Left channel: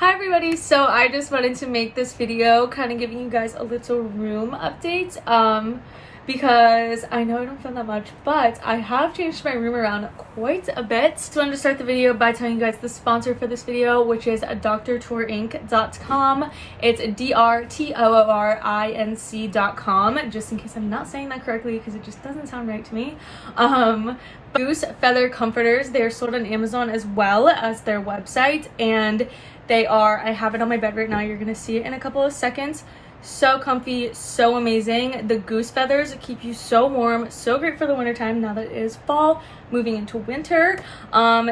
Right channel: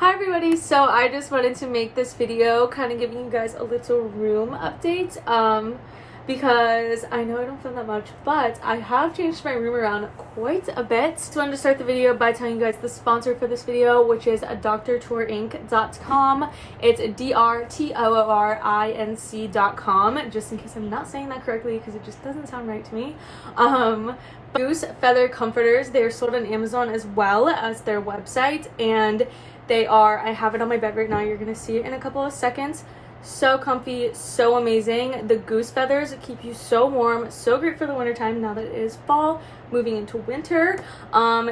Hi everybody, so I just wanted to make this video kind of giving you guys a little room update because I know I don't film that much, but I have changed my room around quite a bit. So I wanted to start the video by telling you guys the sponsor for this video, which is drtourinc.com. It's drtourinc.com, just in case I'm not saying that correctly because it just doesn't sound right to me. Goose feather comforters, they're sold on Amazon as well as their website, and they are, I have it on my bed right now, you're gonna see it in a couple of seconds. So comfy, so amazing. The goose feathers keep you so warm, so great for the winter time now that it is fall, moving into winter.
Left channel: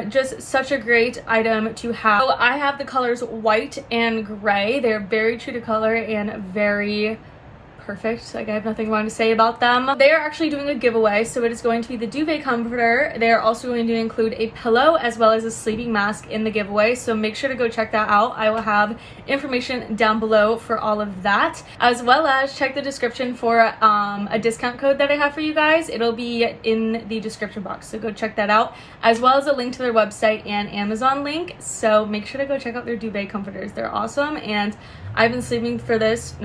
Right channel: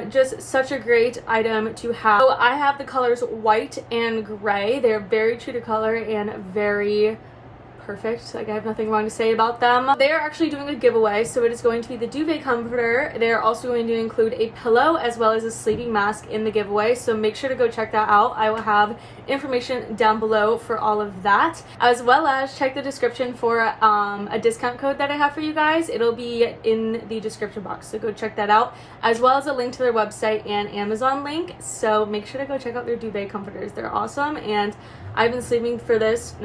Just such a great item to have. So I have the colors white and gray. They're very true to color and very perfect. Like, I have nothing wrong to say about them. They are actually doing a giveaway, so it is going to be the duvet comforter. They're also going to include a pillow as well as a sleeping mask in the giveaway, so make sure to go check that out. I will have information down below for all of that, as well as check the description for a discount code that I have for you guys. It'll be in the description box, so go check that out, as well as a link to their website and Amazon link. So make sure to go check out their duvet comforters. They're awesome, and I've been sleeping with this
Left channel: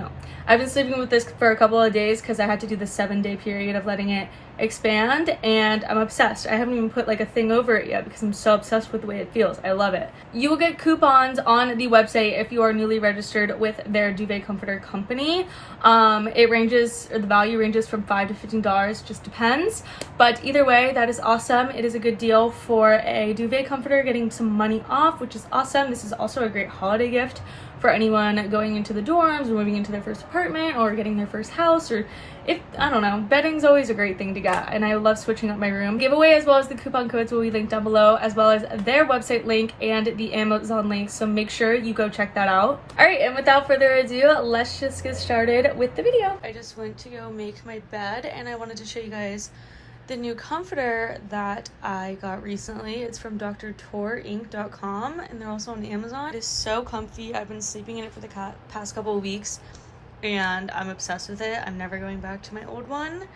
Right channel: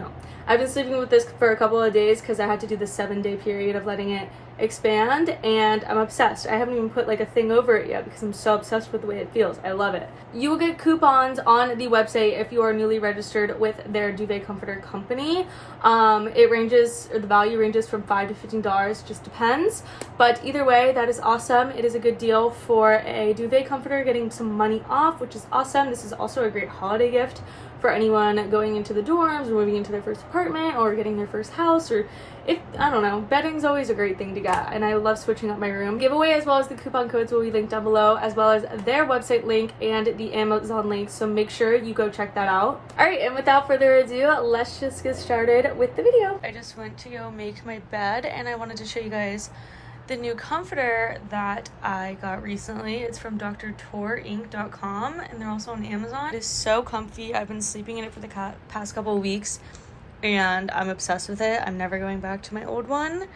for a couple of days because I had to do the 7-day period of letting it expand, and I'm obsessed. I haven't even put like a thing over it yet because I'm so obsessed with the way it feels. I love it. You will get coupons on the website if you are newly registered with their duvet comforter company. The value ranges from $5 to $15, just depends. But either way, that is awesome. It is a good deal for a duvet comforter, getting some money off, which is awesome. This is also a great holiday gift for anyone going into the dorms or moving into their first apartment or getting their first house, or I don't know, bedding's always a great thing to get, and I love switching up my room. Giveaway as well as the coupon codes will be linked down below, as well as their website link and the Amazon link, so make sure you go check that out. Alright, and without further ado, let's just get started with the video. I just went to go make my bed, and I wanted to show you guys the new comforter that I got recently. It's from drtourinc.com, and they're also on Amazon. It is so comfy. I've been sleeping in it for the past couple of weeks, and I'm obsessed with it. I'm never going back to my old one.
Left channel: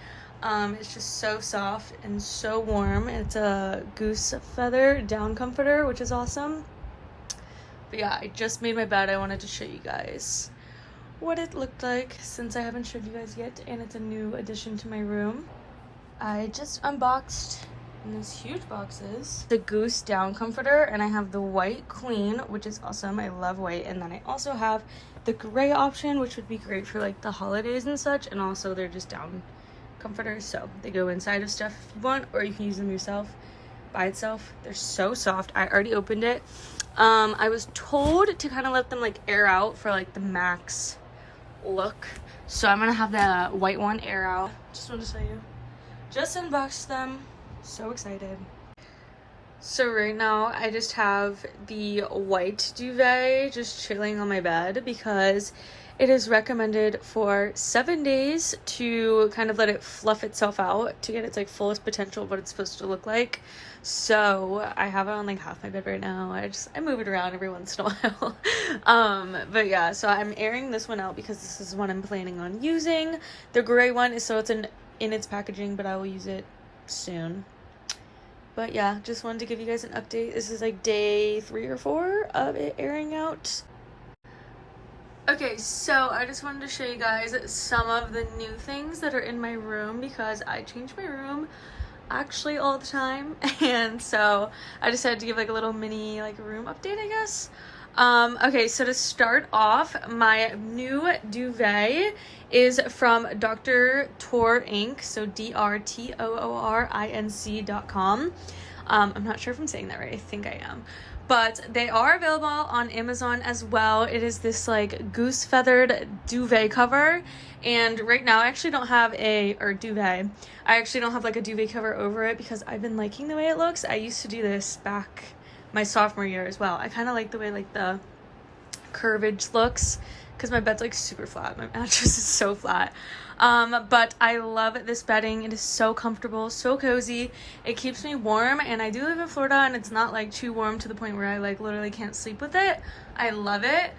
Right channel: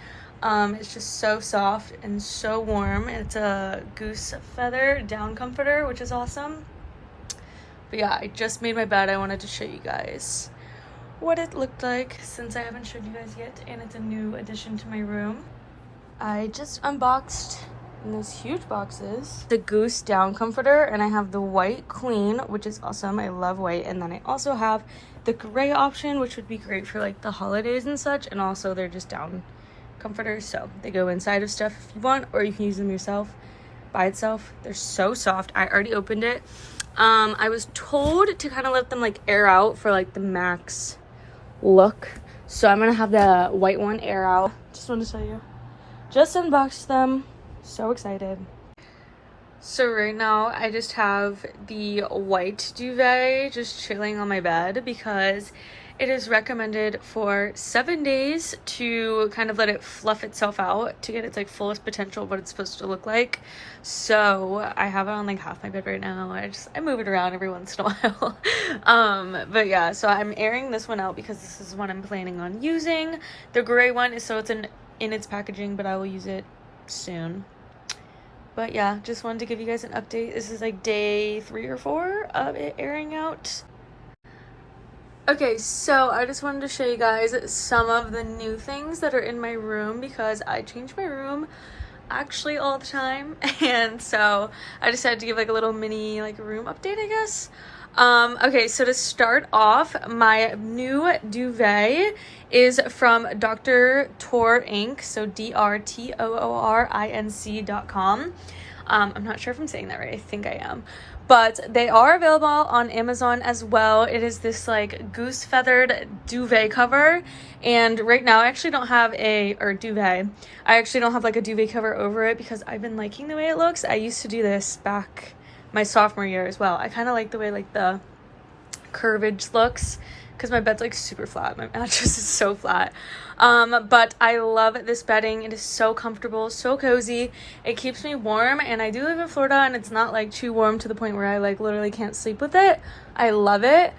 It's just so soft and so warm. It's a goose feather down comforter, which is awesome. But yeah, I just made my bed. I wanted to show you guys what it looked like since I haven't showed you guys yet, and it's a new addition to my room. I just unboxed in those huge boxes the goose down comforter, and I have the white queen, which is awesome. I love white. And then I also have the gray option, which would be great for like the holidays and such, and also they're just down comforters, so they go inside of stuff if you want, or you can use them yourself by itself. They're so soft. I already opened it. I was told to kind of let them like air out for like the max look, so I'm gonna have the white one air out. Just wanted to show you. Just unboxed them. So excited. So right now I just have the white duvet just chilling on my bed because it is recommended for 7 days to kind of let it fluff itself out to get its like fullest potential of what it's supposed to look like. So I have it on like half my bed right now. I move it around every once in a while. But yeah, so I'm airing this one out because this is what I'm planning on using. The gray one is so it's in its packaging, but I will use it soon. But yeah, just wanted to give you guys an update. This is like day 3 or 4 of it airing out. Okay, so I just wanted to show you guys some of the new things that are in my room because I change my room actually all the time, and so I decided to give like a little mini like room update, I guess. Okay, so to start off, my new duvet is from Dr. Tourinc, so drtourinc.com. I'm not sure if I'm saying that right. I think I am. But they are available on Amazon as well. It is this like goose feathered duvet cover. And right now I actually don't have duvet. I actually don't have like a duvet cover over it because I've been liking the way it looks. I used to do this back my sophomore year as well. I kind of like the way like the curvage looks, because my bed's like super flat. My mattress is so flat. But I love this bedding. It is so comfortable, so cozy. It keeps me warm, and I do live in Florida, and it's not like too warm to the point where I like literally can't sleep with it. I love it.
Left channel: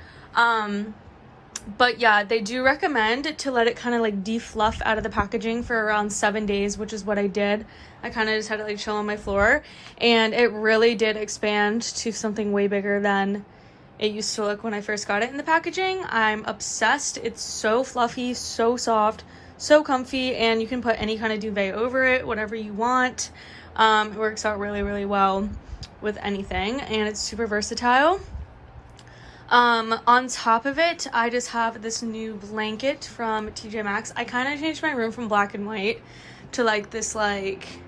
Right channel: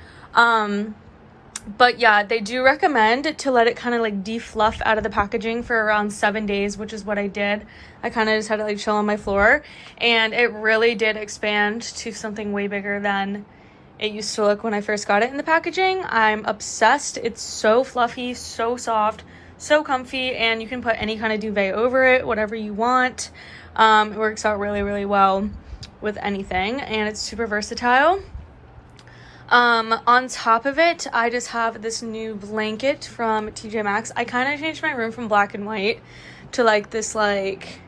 But yeah, they do recommend to let it kind of like defluff out of the packaging for around 7 days, which is what I did. I kind of just had to like chill on my floor, and it really did expand to something way bigger than it used to look when I first got it in the packaging. I'm obsessed. It's so fluffy, so soft, so comfy, and you can put any kind of duvet over it, whatever you want. It works out really, really well with anything, and it's super versatile. On top of it, I just have this new blanket from TJ Maxx. I kind of changed my room from black and white to like this like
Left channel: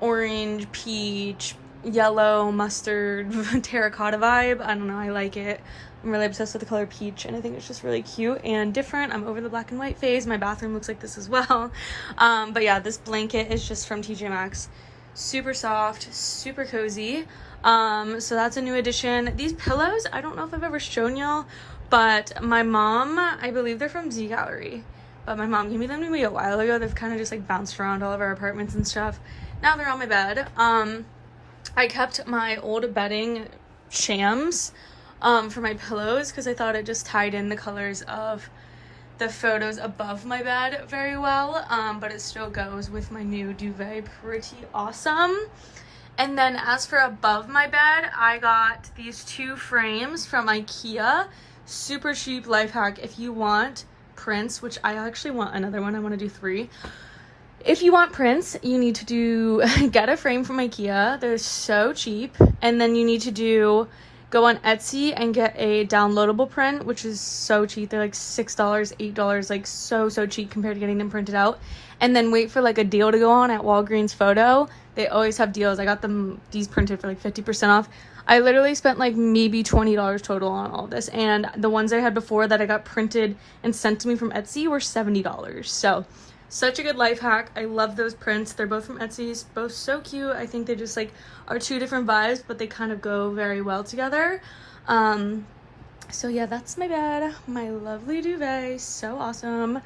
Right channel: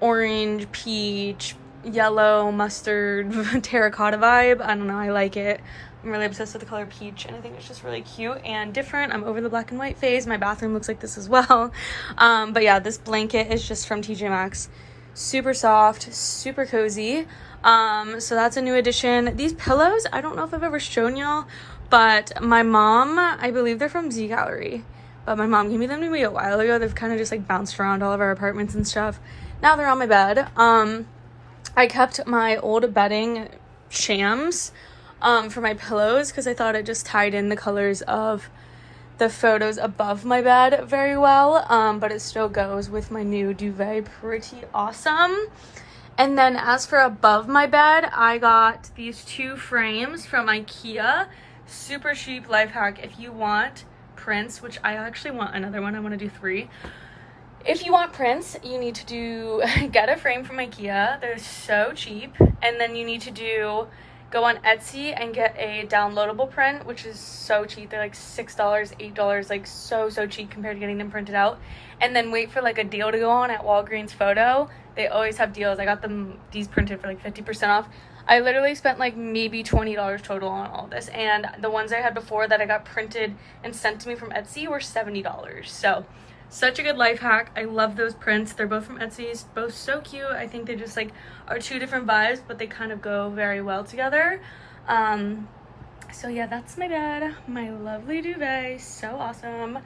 orange, peach, yellow, mustard, terracotta vibe. I don't know, I like it. I'm really obsessed with the color peach, and I think it's just really cute and different. I'm over the black and white phase. My bathroom looks like this as well. But yeah, this blanket is just from TJ Maxx. Super soft, super cozy. So that's a new addition. These pillows, I don't know if I've ever shown y'all, but my mom, I believe they're from Z Gallery, but my mom gave me them to me a while ago. They've kind of just like bounced around all of our apartments and stuff. Now they're on my bed. I kept my old bedding shams for my pillows because I thought it just tied in the colors of the photos above my bed very well, but it still goes with my new duvet pretty awesome. And then as for above my bed, I got these 2 frames from IKEA. Super cheap life hack. If you want prints, which I actually want another one, I want to do 3. If you want prints, you need to get a frame from IKEA. They're so cheap. And then you need to go on Etsy and get a downloadable print, which is so cheap. They're like $6, $8, like so cheap compared to getting them printed out. And then wait for like a deal to go on at Walgreens Photo. They always have deals. I got these printed for like 50% off. I literally spent like maybe $20 total on all this, and the ones I had before that I got printed and sent to me from Etsy were $70. So such a good life hack. I love those prints. They're both from Etsy, both so cute. I think they just like are 2 different vibes, but they kind of go very well together. So yeah, that's my bed, my lovely duvet, so awesome.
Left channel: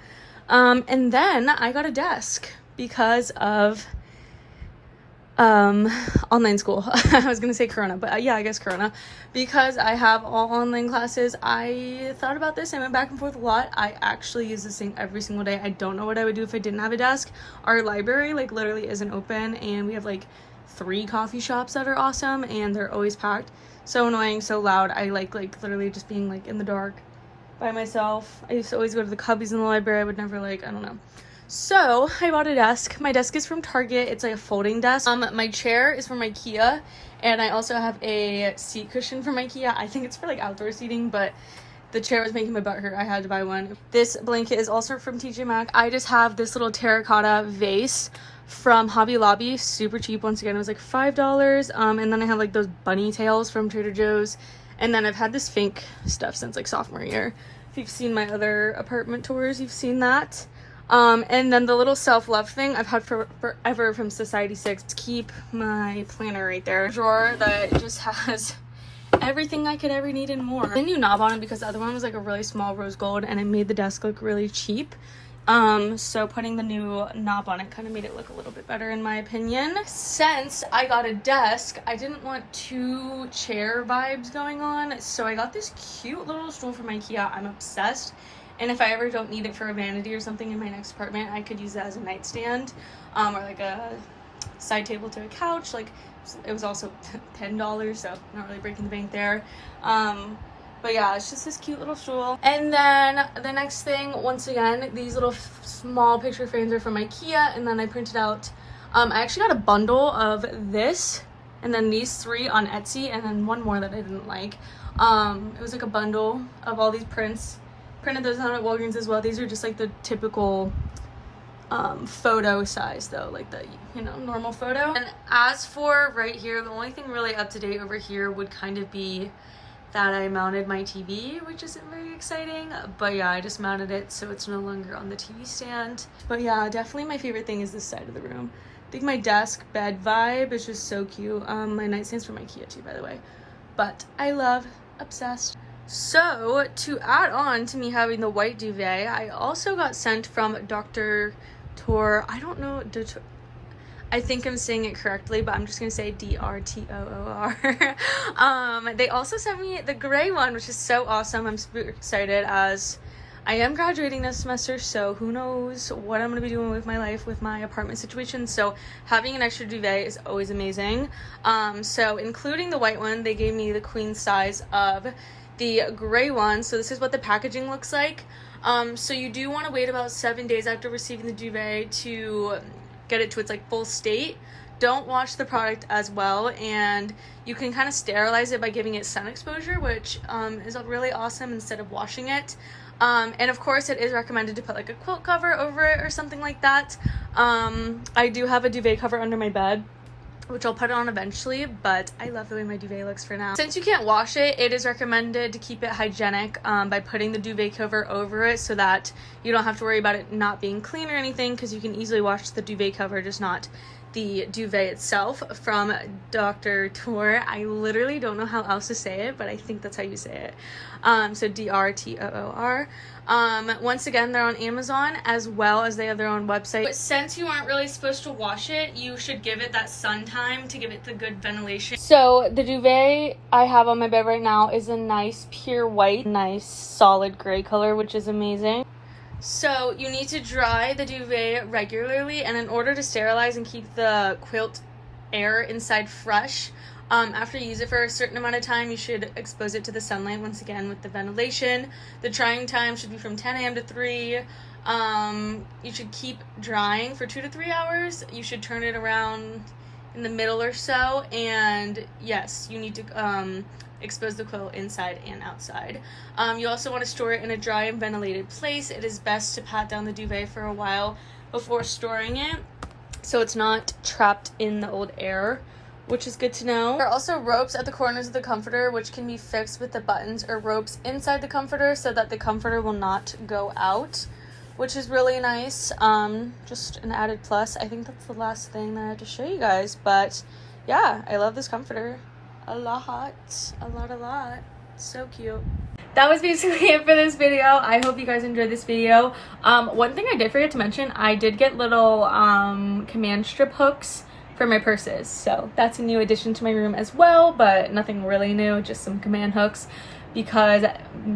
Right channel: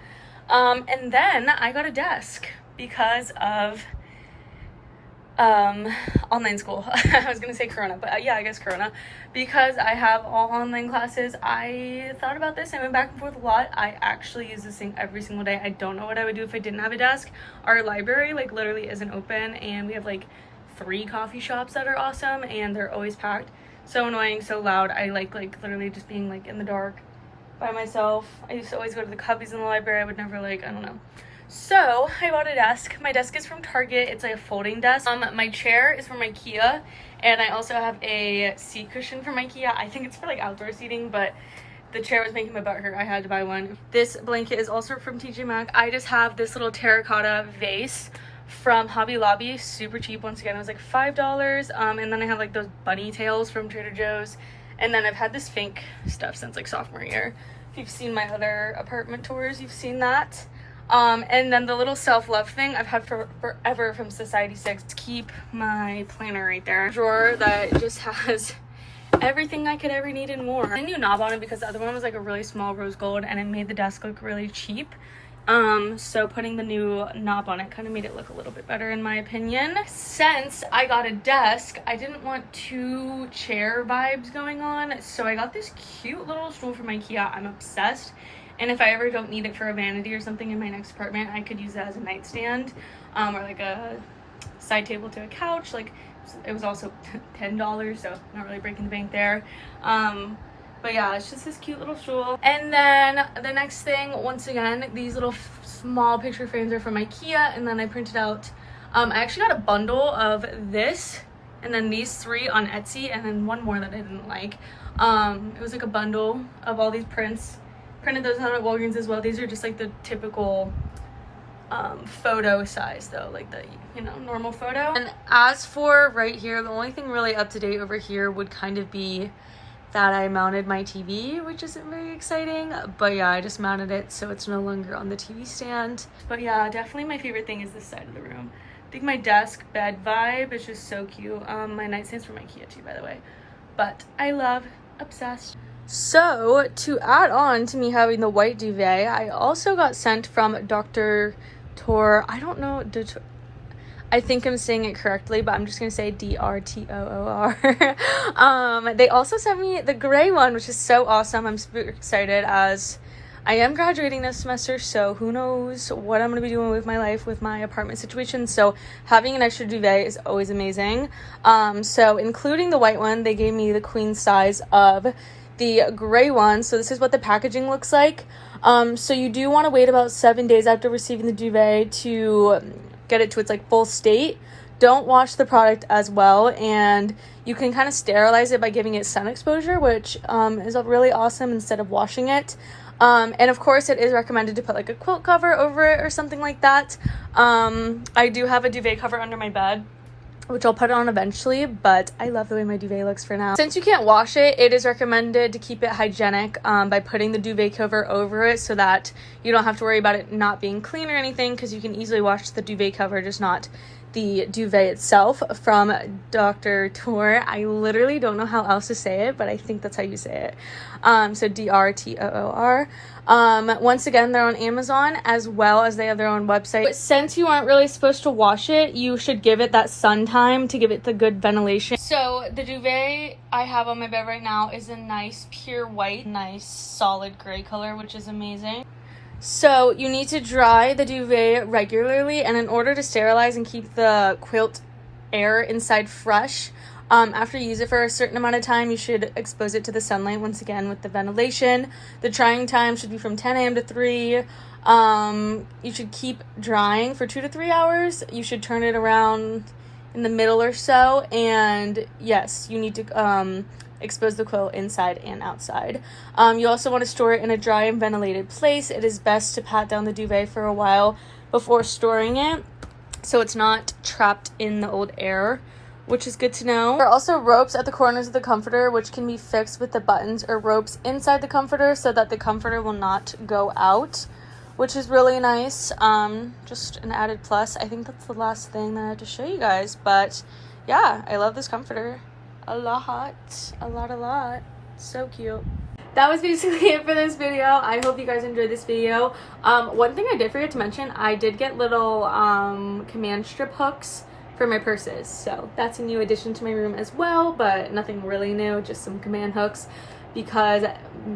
And then I got a desk because of online school. I was gonna say Corona, but yeah, I guess Corona. Because I have all online classes, I thought about this. I went back and forth a lot. I actually use this thing every single day. I don't know what I would do if I didn't have a desk. Our library like literally isn't open, and we have like 3 coffee shops that are awesome, and they're always packed. So annoying, so loud. I like literally just being like in the dark by myself. I used to always go to the cubbies in the library. I would never like, I don't know. So I bought a desk. My desk is from Target. It's like a folding desk. My chair is from IKEA, and I also have a seat cushion from IKEA. I think it's for like outdoor seating, but the chair was making my butt hurt. I had to buy one. This blanket is also from TJ Maxx. I just have this little terracotta vase from Hobby Lobby, super cheap. Once again, it was like $5. And then I have like those bunny tails from Trader Joe's, and then I've had this Fink stuff since like sophomore year. If you've seen my other apartment tours, you've seen that. And then the little self-love thing I've had for forever from Society 6 to keep my planner right there. A drawer that just has everything I could ever need and more. The new knob on it because the other one was like a really small rose gold, and it made the desk look really cheap. So putting the new knob on it kind of made it look a little bit better in my opinion. Since I got a desk, I didn't want 2 chair vibes going on, so I got this cute little stool from IKEA. I'm obsessed. And if I ever don't need it for a vanity or something in my next apartment, I could use that as a nightstand, or like a side table to a couch. Like, it was also $10, so not really breaking the bank there. But yeah, it's just this cute little stool. And then the next thing, once again, these little small picture frames are from IKEA, and then I printed out, I actually got a bundle of this, and then these 3 on Etsy, and then one more that I didn't like. It was like a bundle of all these prints. Printed those out at Walgreens as well. These are just like the typical photo size though, like the, you know, normal photo. And as for right here, the only thing really up to date over here would kind of be that I mounted my TV, which isn't very exciting, but yeah, I just mounted it so it's no longer on the TV stand. But yeah, definitely my favorite thing is this side of the room. I think my desk bed vibe is just so cute. My nightstand's from IKEA too, by the way, but I love, obsessed. So to add on to me having the white duvet, I also got sent from Dr. Tor, I don't know, I think I'm saying it correctly, but I'm just gonna say DRTOOR. They also sent me the gray one, which is so awesome. I'm super excited as I am graduating this semester, so who knows what I'm gonna be doing with my life with my apartment situation. So having an extra duvet is always amazing. So including the white one, they gave me the queen size of the gray one. So this is what the packaging looks like. So you do want to wait about 7 days after receiving the duvet to get it to its like full state. Don't wash the product as well, and you can kind of sterilize it by giving it sun exposure, which is really awesome instead of washing it. And of course it is recommended to put like a quilt cover over it or something like that. I do have a duvet cover under my bed, which I'll put on eventually, but I love the way my duvet looks for now. Since you can't wash it, it is recommended to keep it hygienic by putting the duvet cover over it so that you don't have to worry about it not being clean or anything, because you can easily wash the duvet cover, just not the duvet itself. From Dr. Tour. I literally don't know how else to say it, but I think that's how you say it. So DRTOOR. Once again, they're on Amazon as well as they have their own website. But since you aren't really supposed to wash it, you should give it that sun time to give it the good ventilation. So the duvet I have on my bed right now is a nice pure white, nice solid gray color, which is amazing. So you need to dry the duvet regularly, and in order to sterilize and keep the quilt air inside fresh, after you use it for a certain amount of time, you should expose it to the sunlight once again with the ventilation. The drying time should be from 10 a.m. to 3. You should keep drying for 2 to 3 hours. You should turn it around in the middle or so, and yes, you need to expose the quilt inside and outside. You also want to store it in a dry and ventilated place. It is best to pat down the duvet for a while before storing it, so it's not trapped in the old air, which is good to know. There are also ropes at the corners of the comforter, which can be fixed with the buttons or ropes inside the comforter so that the comforter will not go out, which is really nice. Just an added plus. I think that's the last thing that I have to show you guys, but yeah, I love this comforter a lot. So cute. That was basically it for this video. I hope you guys enjoyed this video. One thing I did forget to mention, I did get little command strip hooks for my purses, so that's a new addition to my room as well, but nothing really new, just some command hooks, because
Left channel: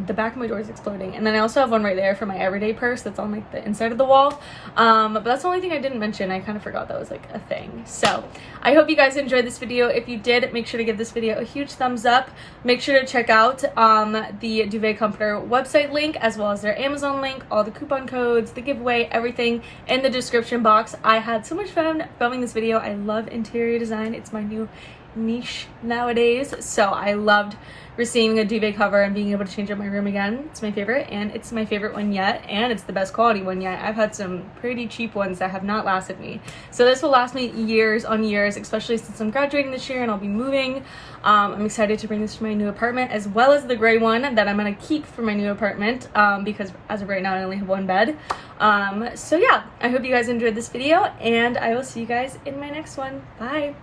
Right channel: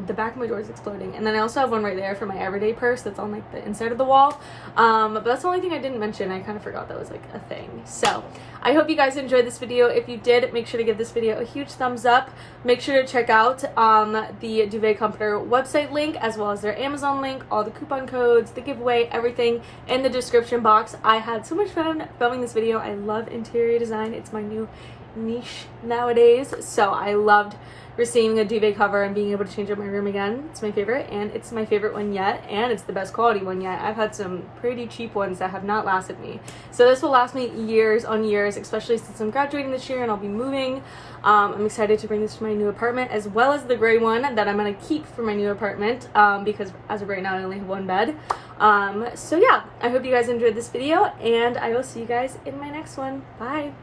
the back of my door is exploding. And then I also have one right there for my everyday purse that's on like the inside of the wall, but that's the only thing I didn't mention. I kind of forgot that was like a thing. So I hope you guys enjoyed this video. If you did, make sure to give this video a huge thumbs up. Make sure to check out the Duvet Comforter website link as well as their Amazon link, all the coupon codes, the giveaway, everything in the description box. I had so much fun filming this video. I love interior design. It's my new niche nowadays, so I loved receiving a duvet cover and being able to change up my room again. It's my favorite, and it's my favorite one yet, and it's the best quality one yet. I've had some pretty cheap ones that have not lasted me, so this will last me years on years, especially since I'm graduating this year and I'll be moving. I'm excited to bring this to my new apartment, as well as the gray one that I'm going to keep for my new apartment, because as of right now I only have one bed. So yeah, I hope you guys enjoyed this video, and I will see you guys in my next one. Bye!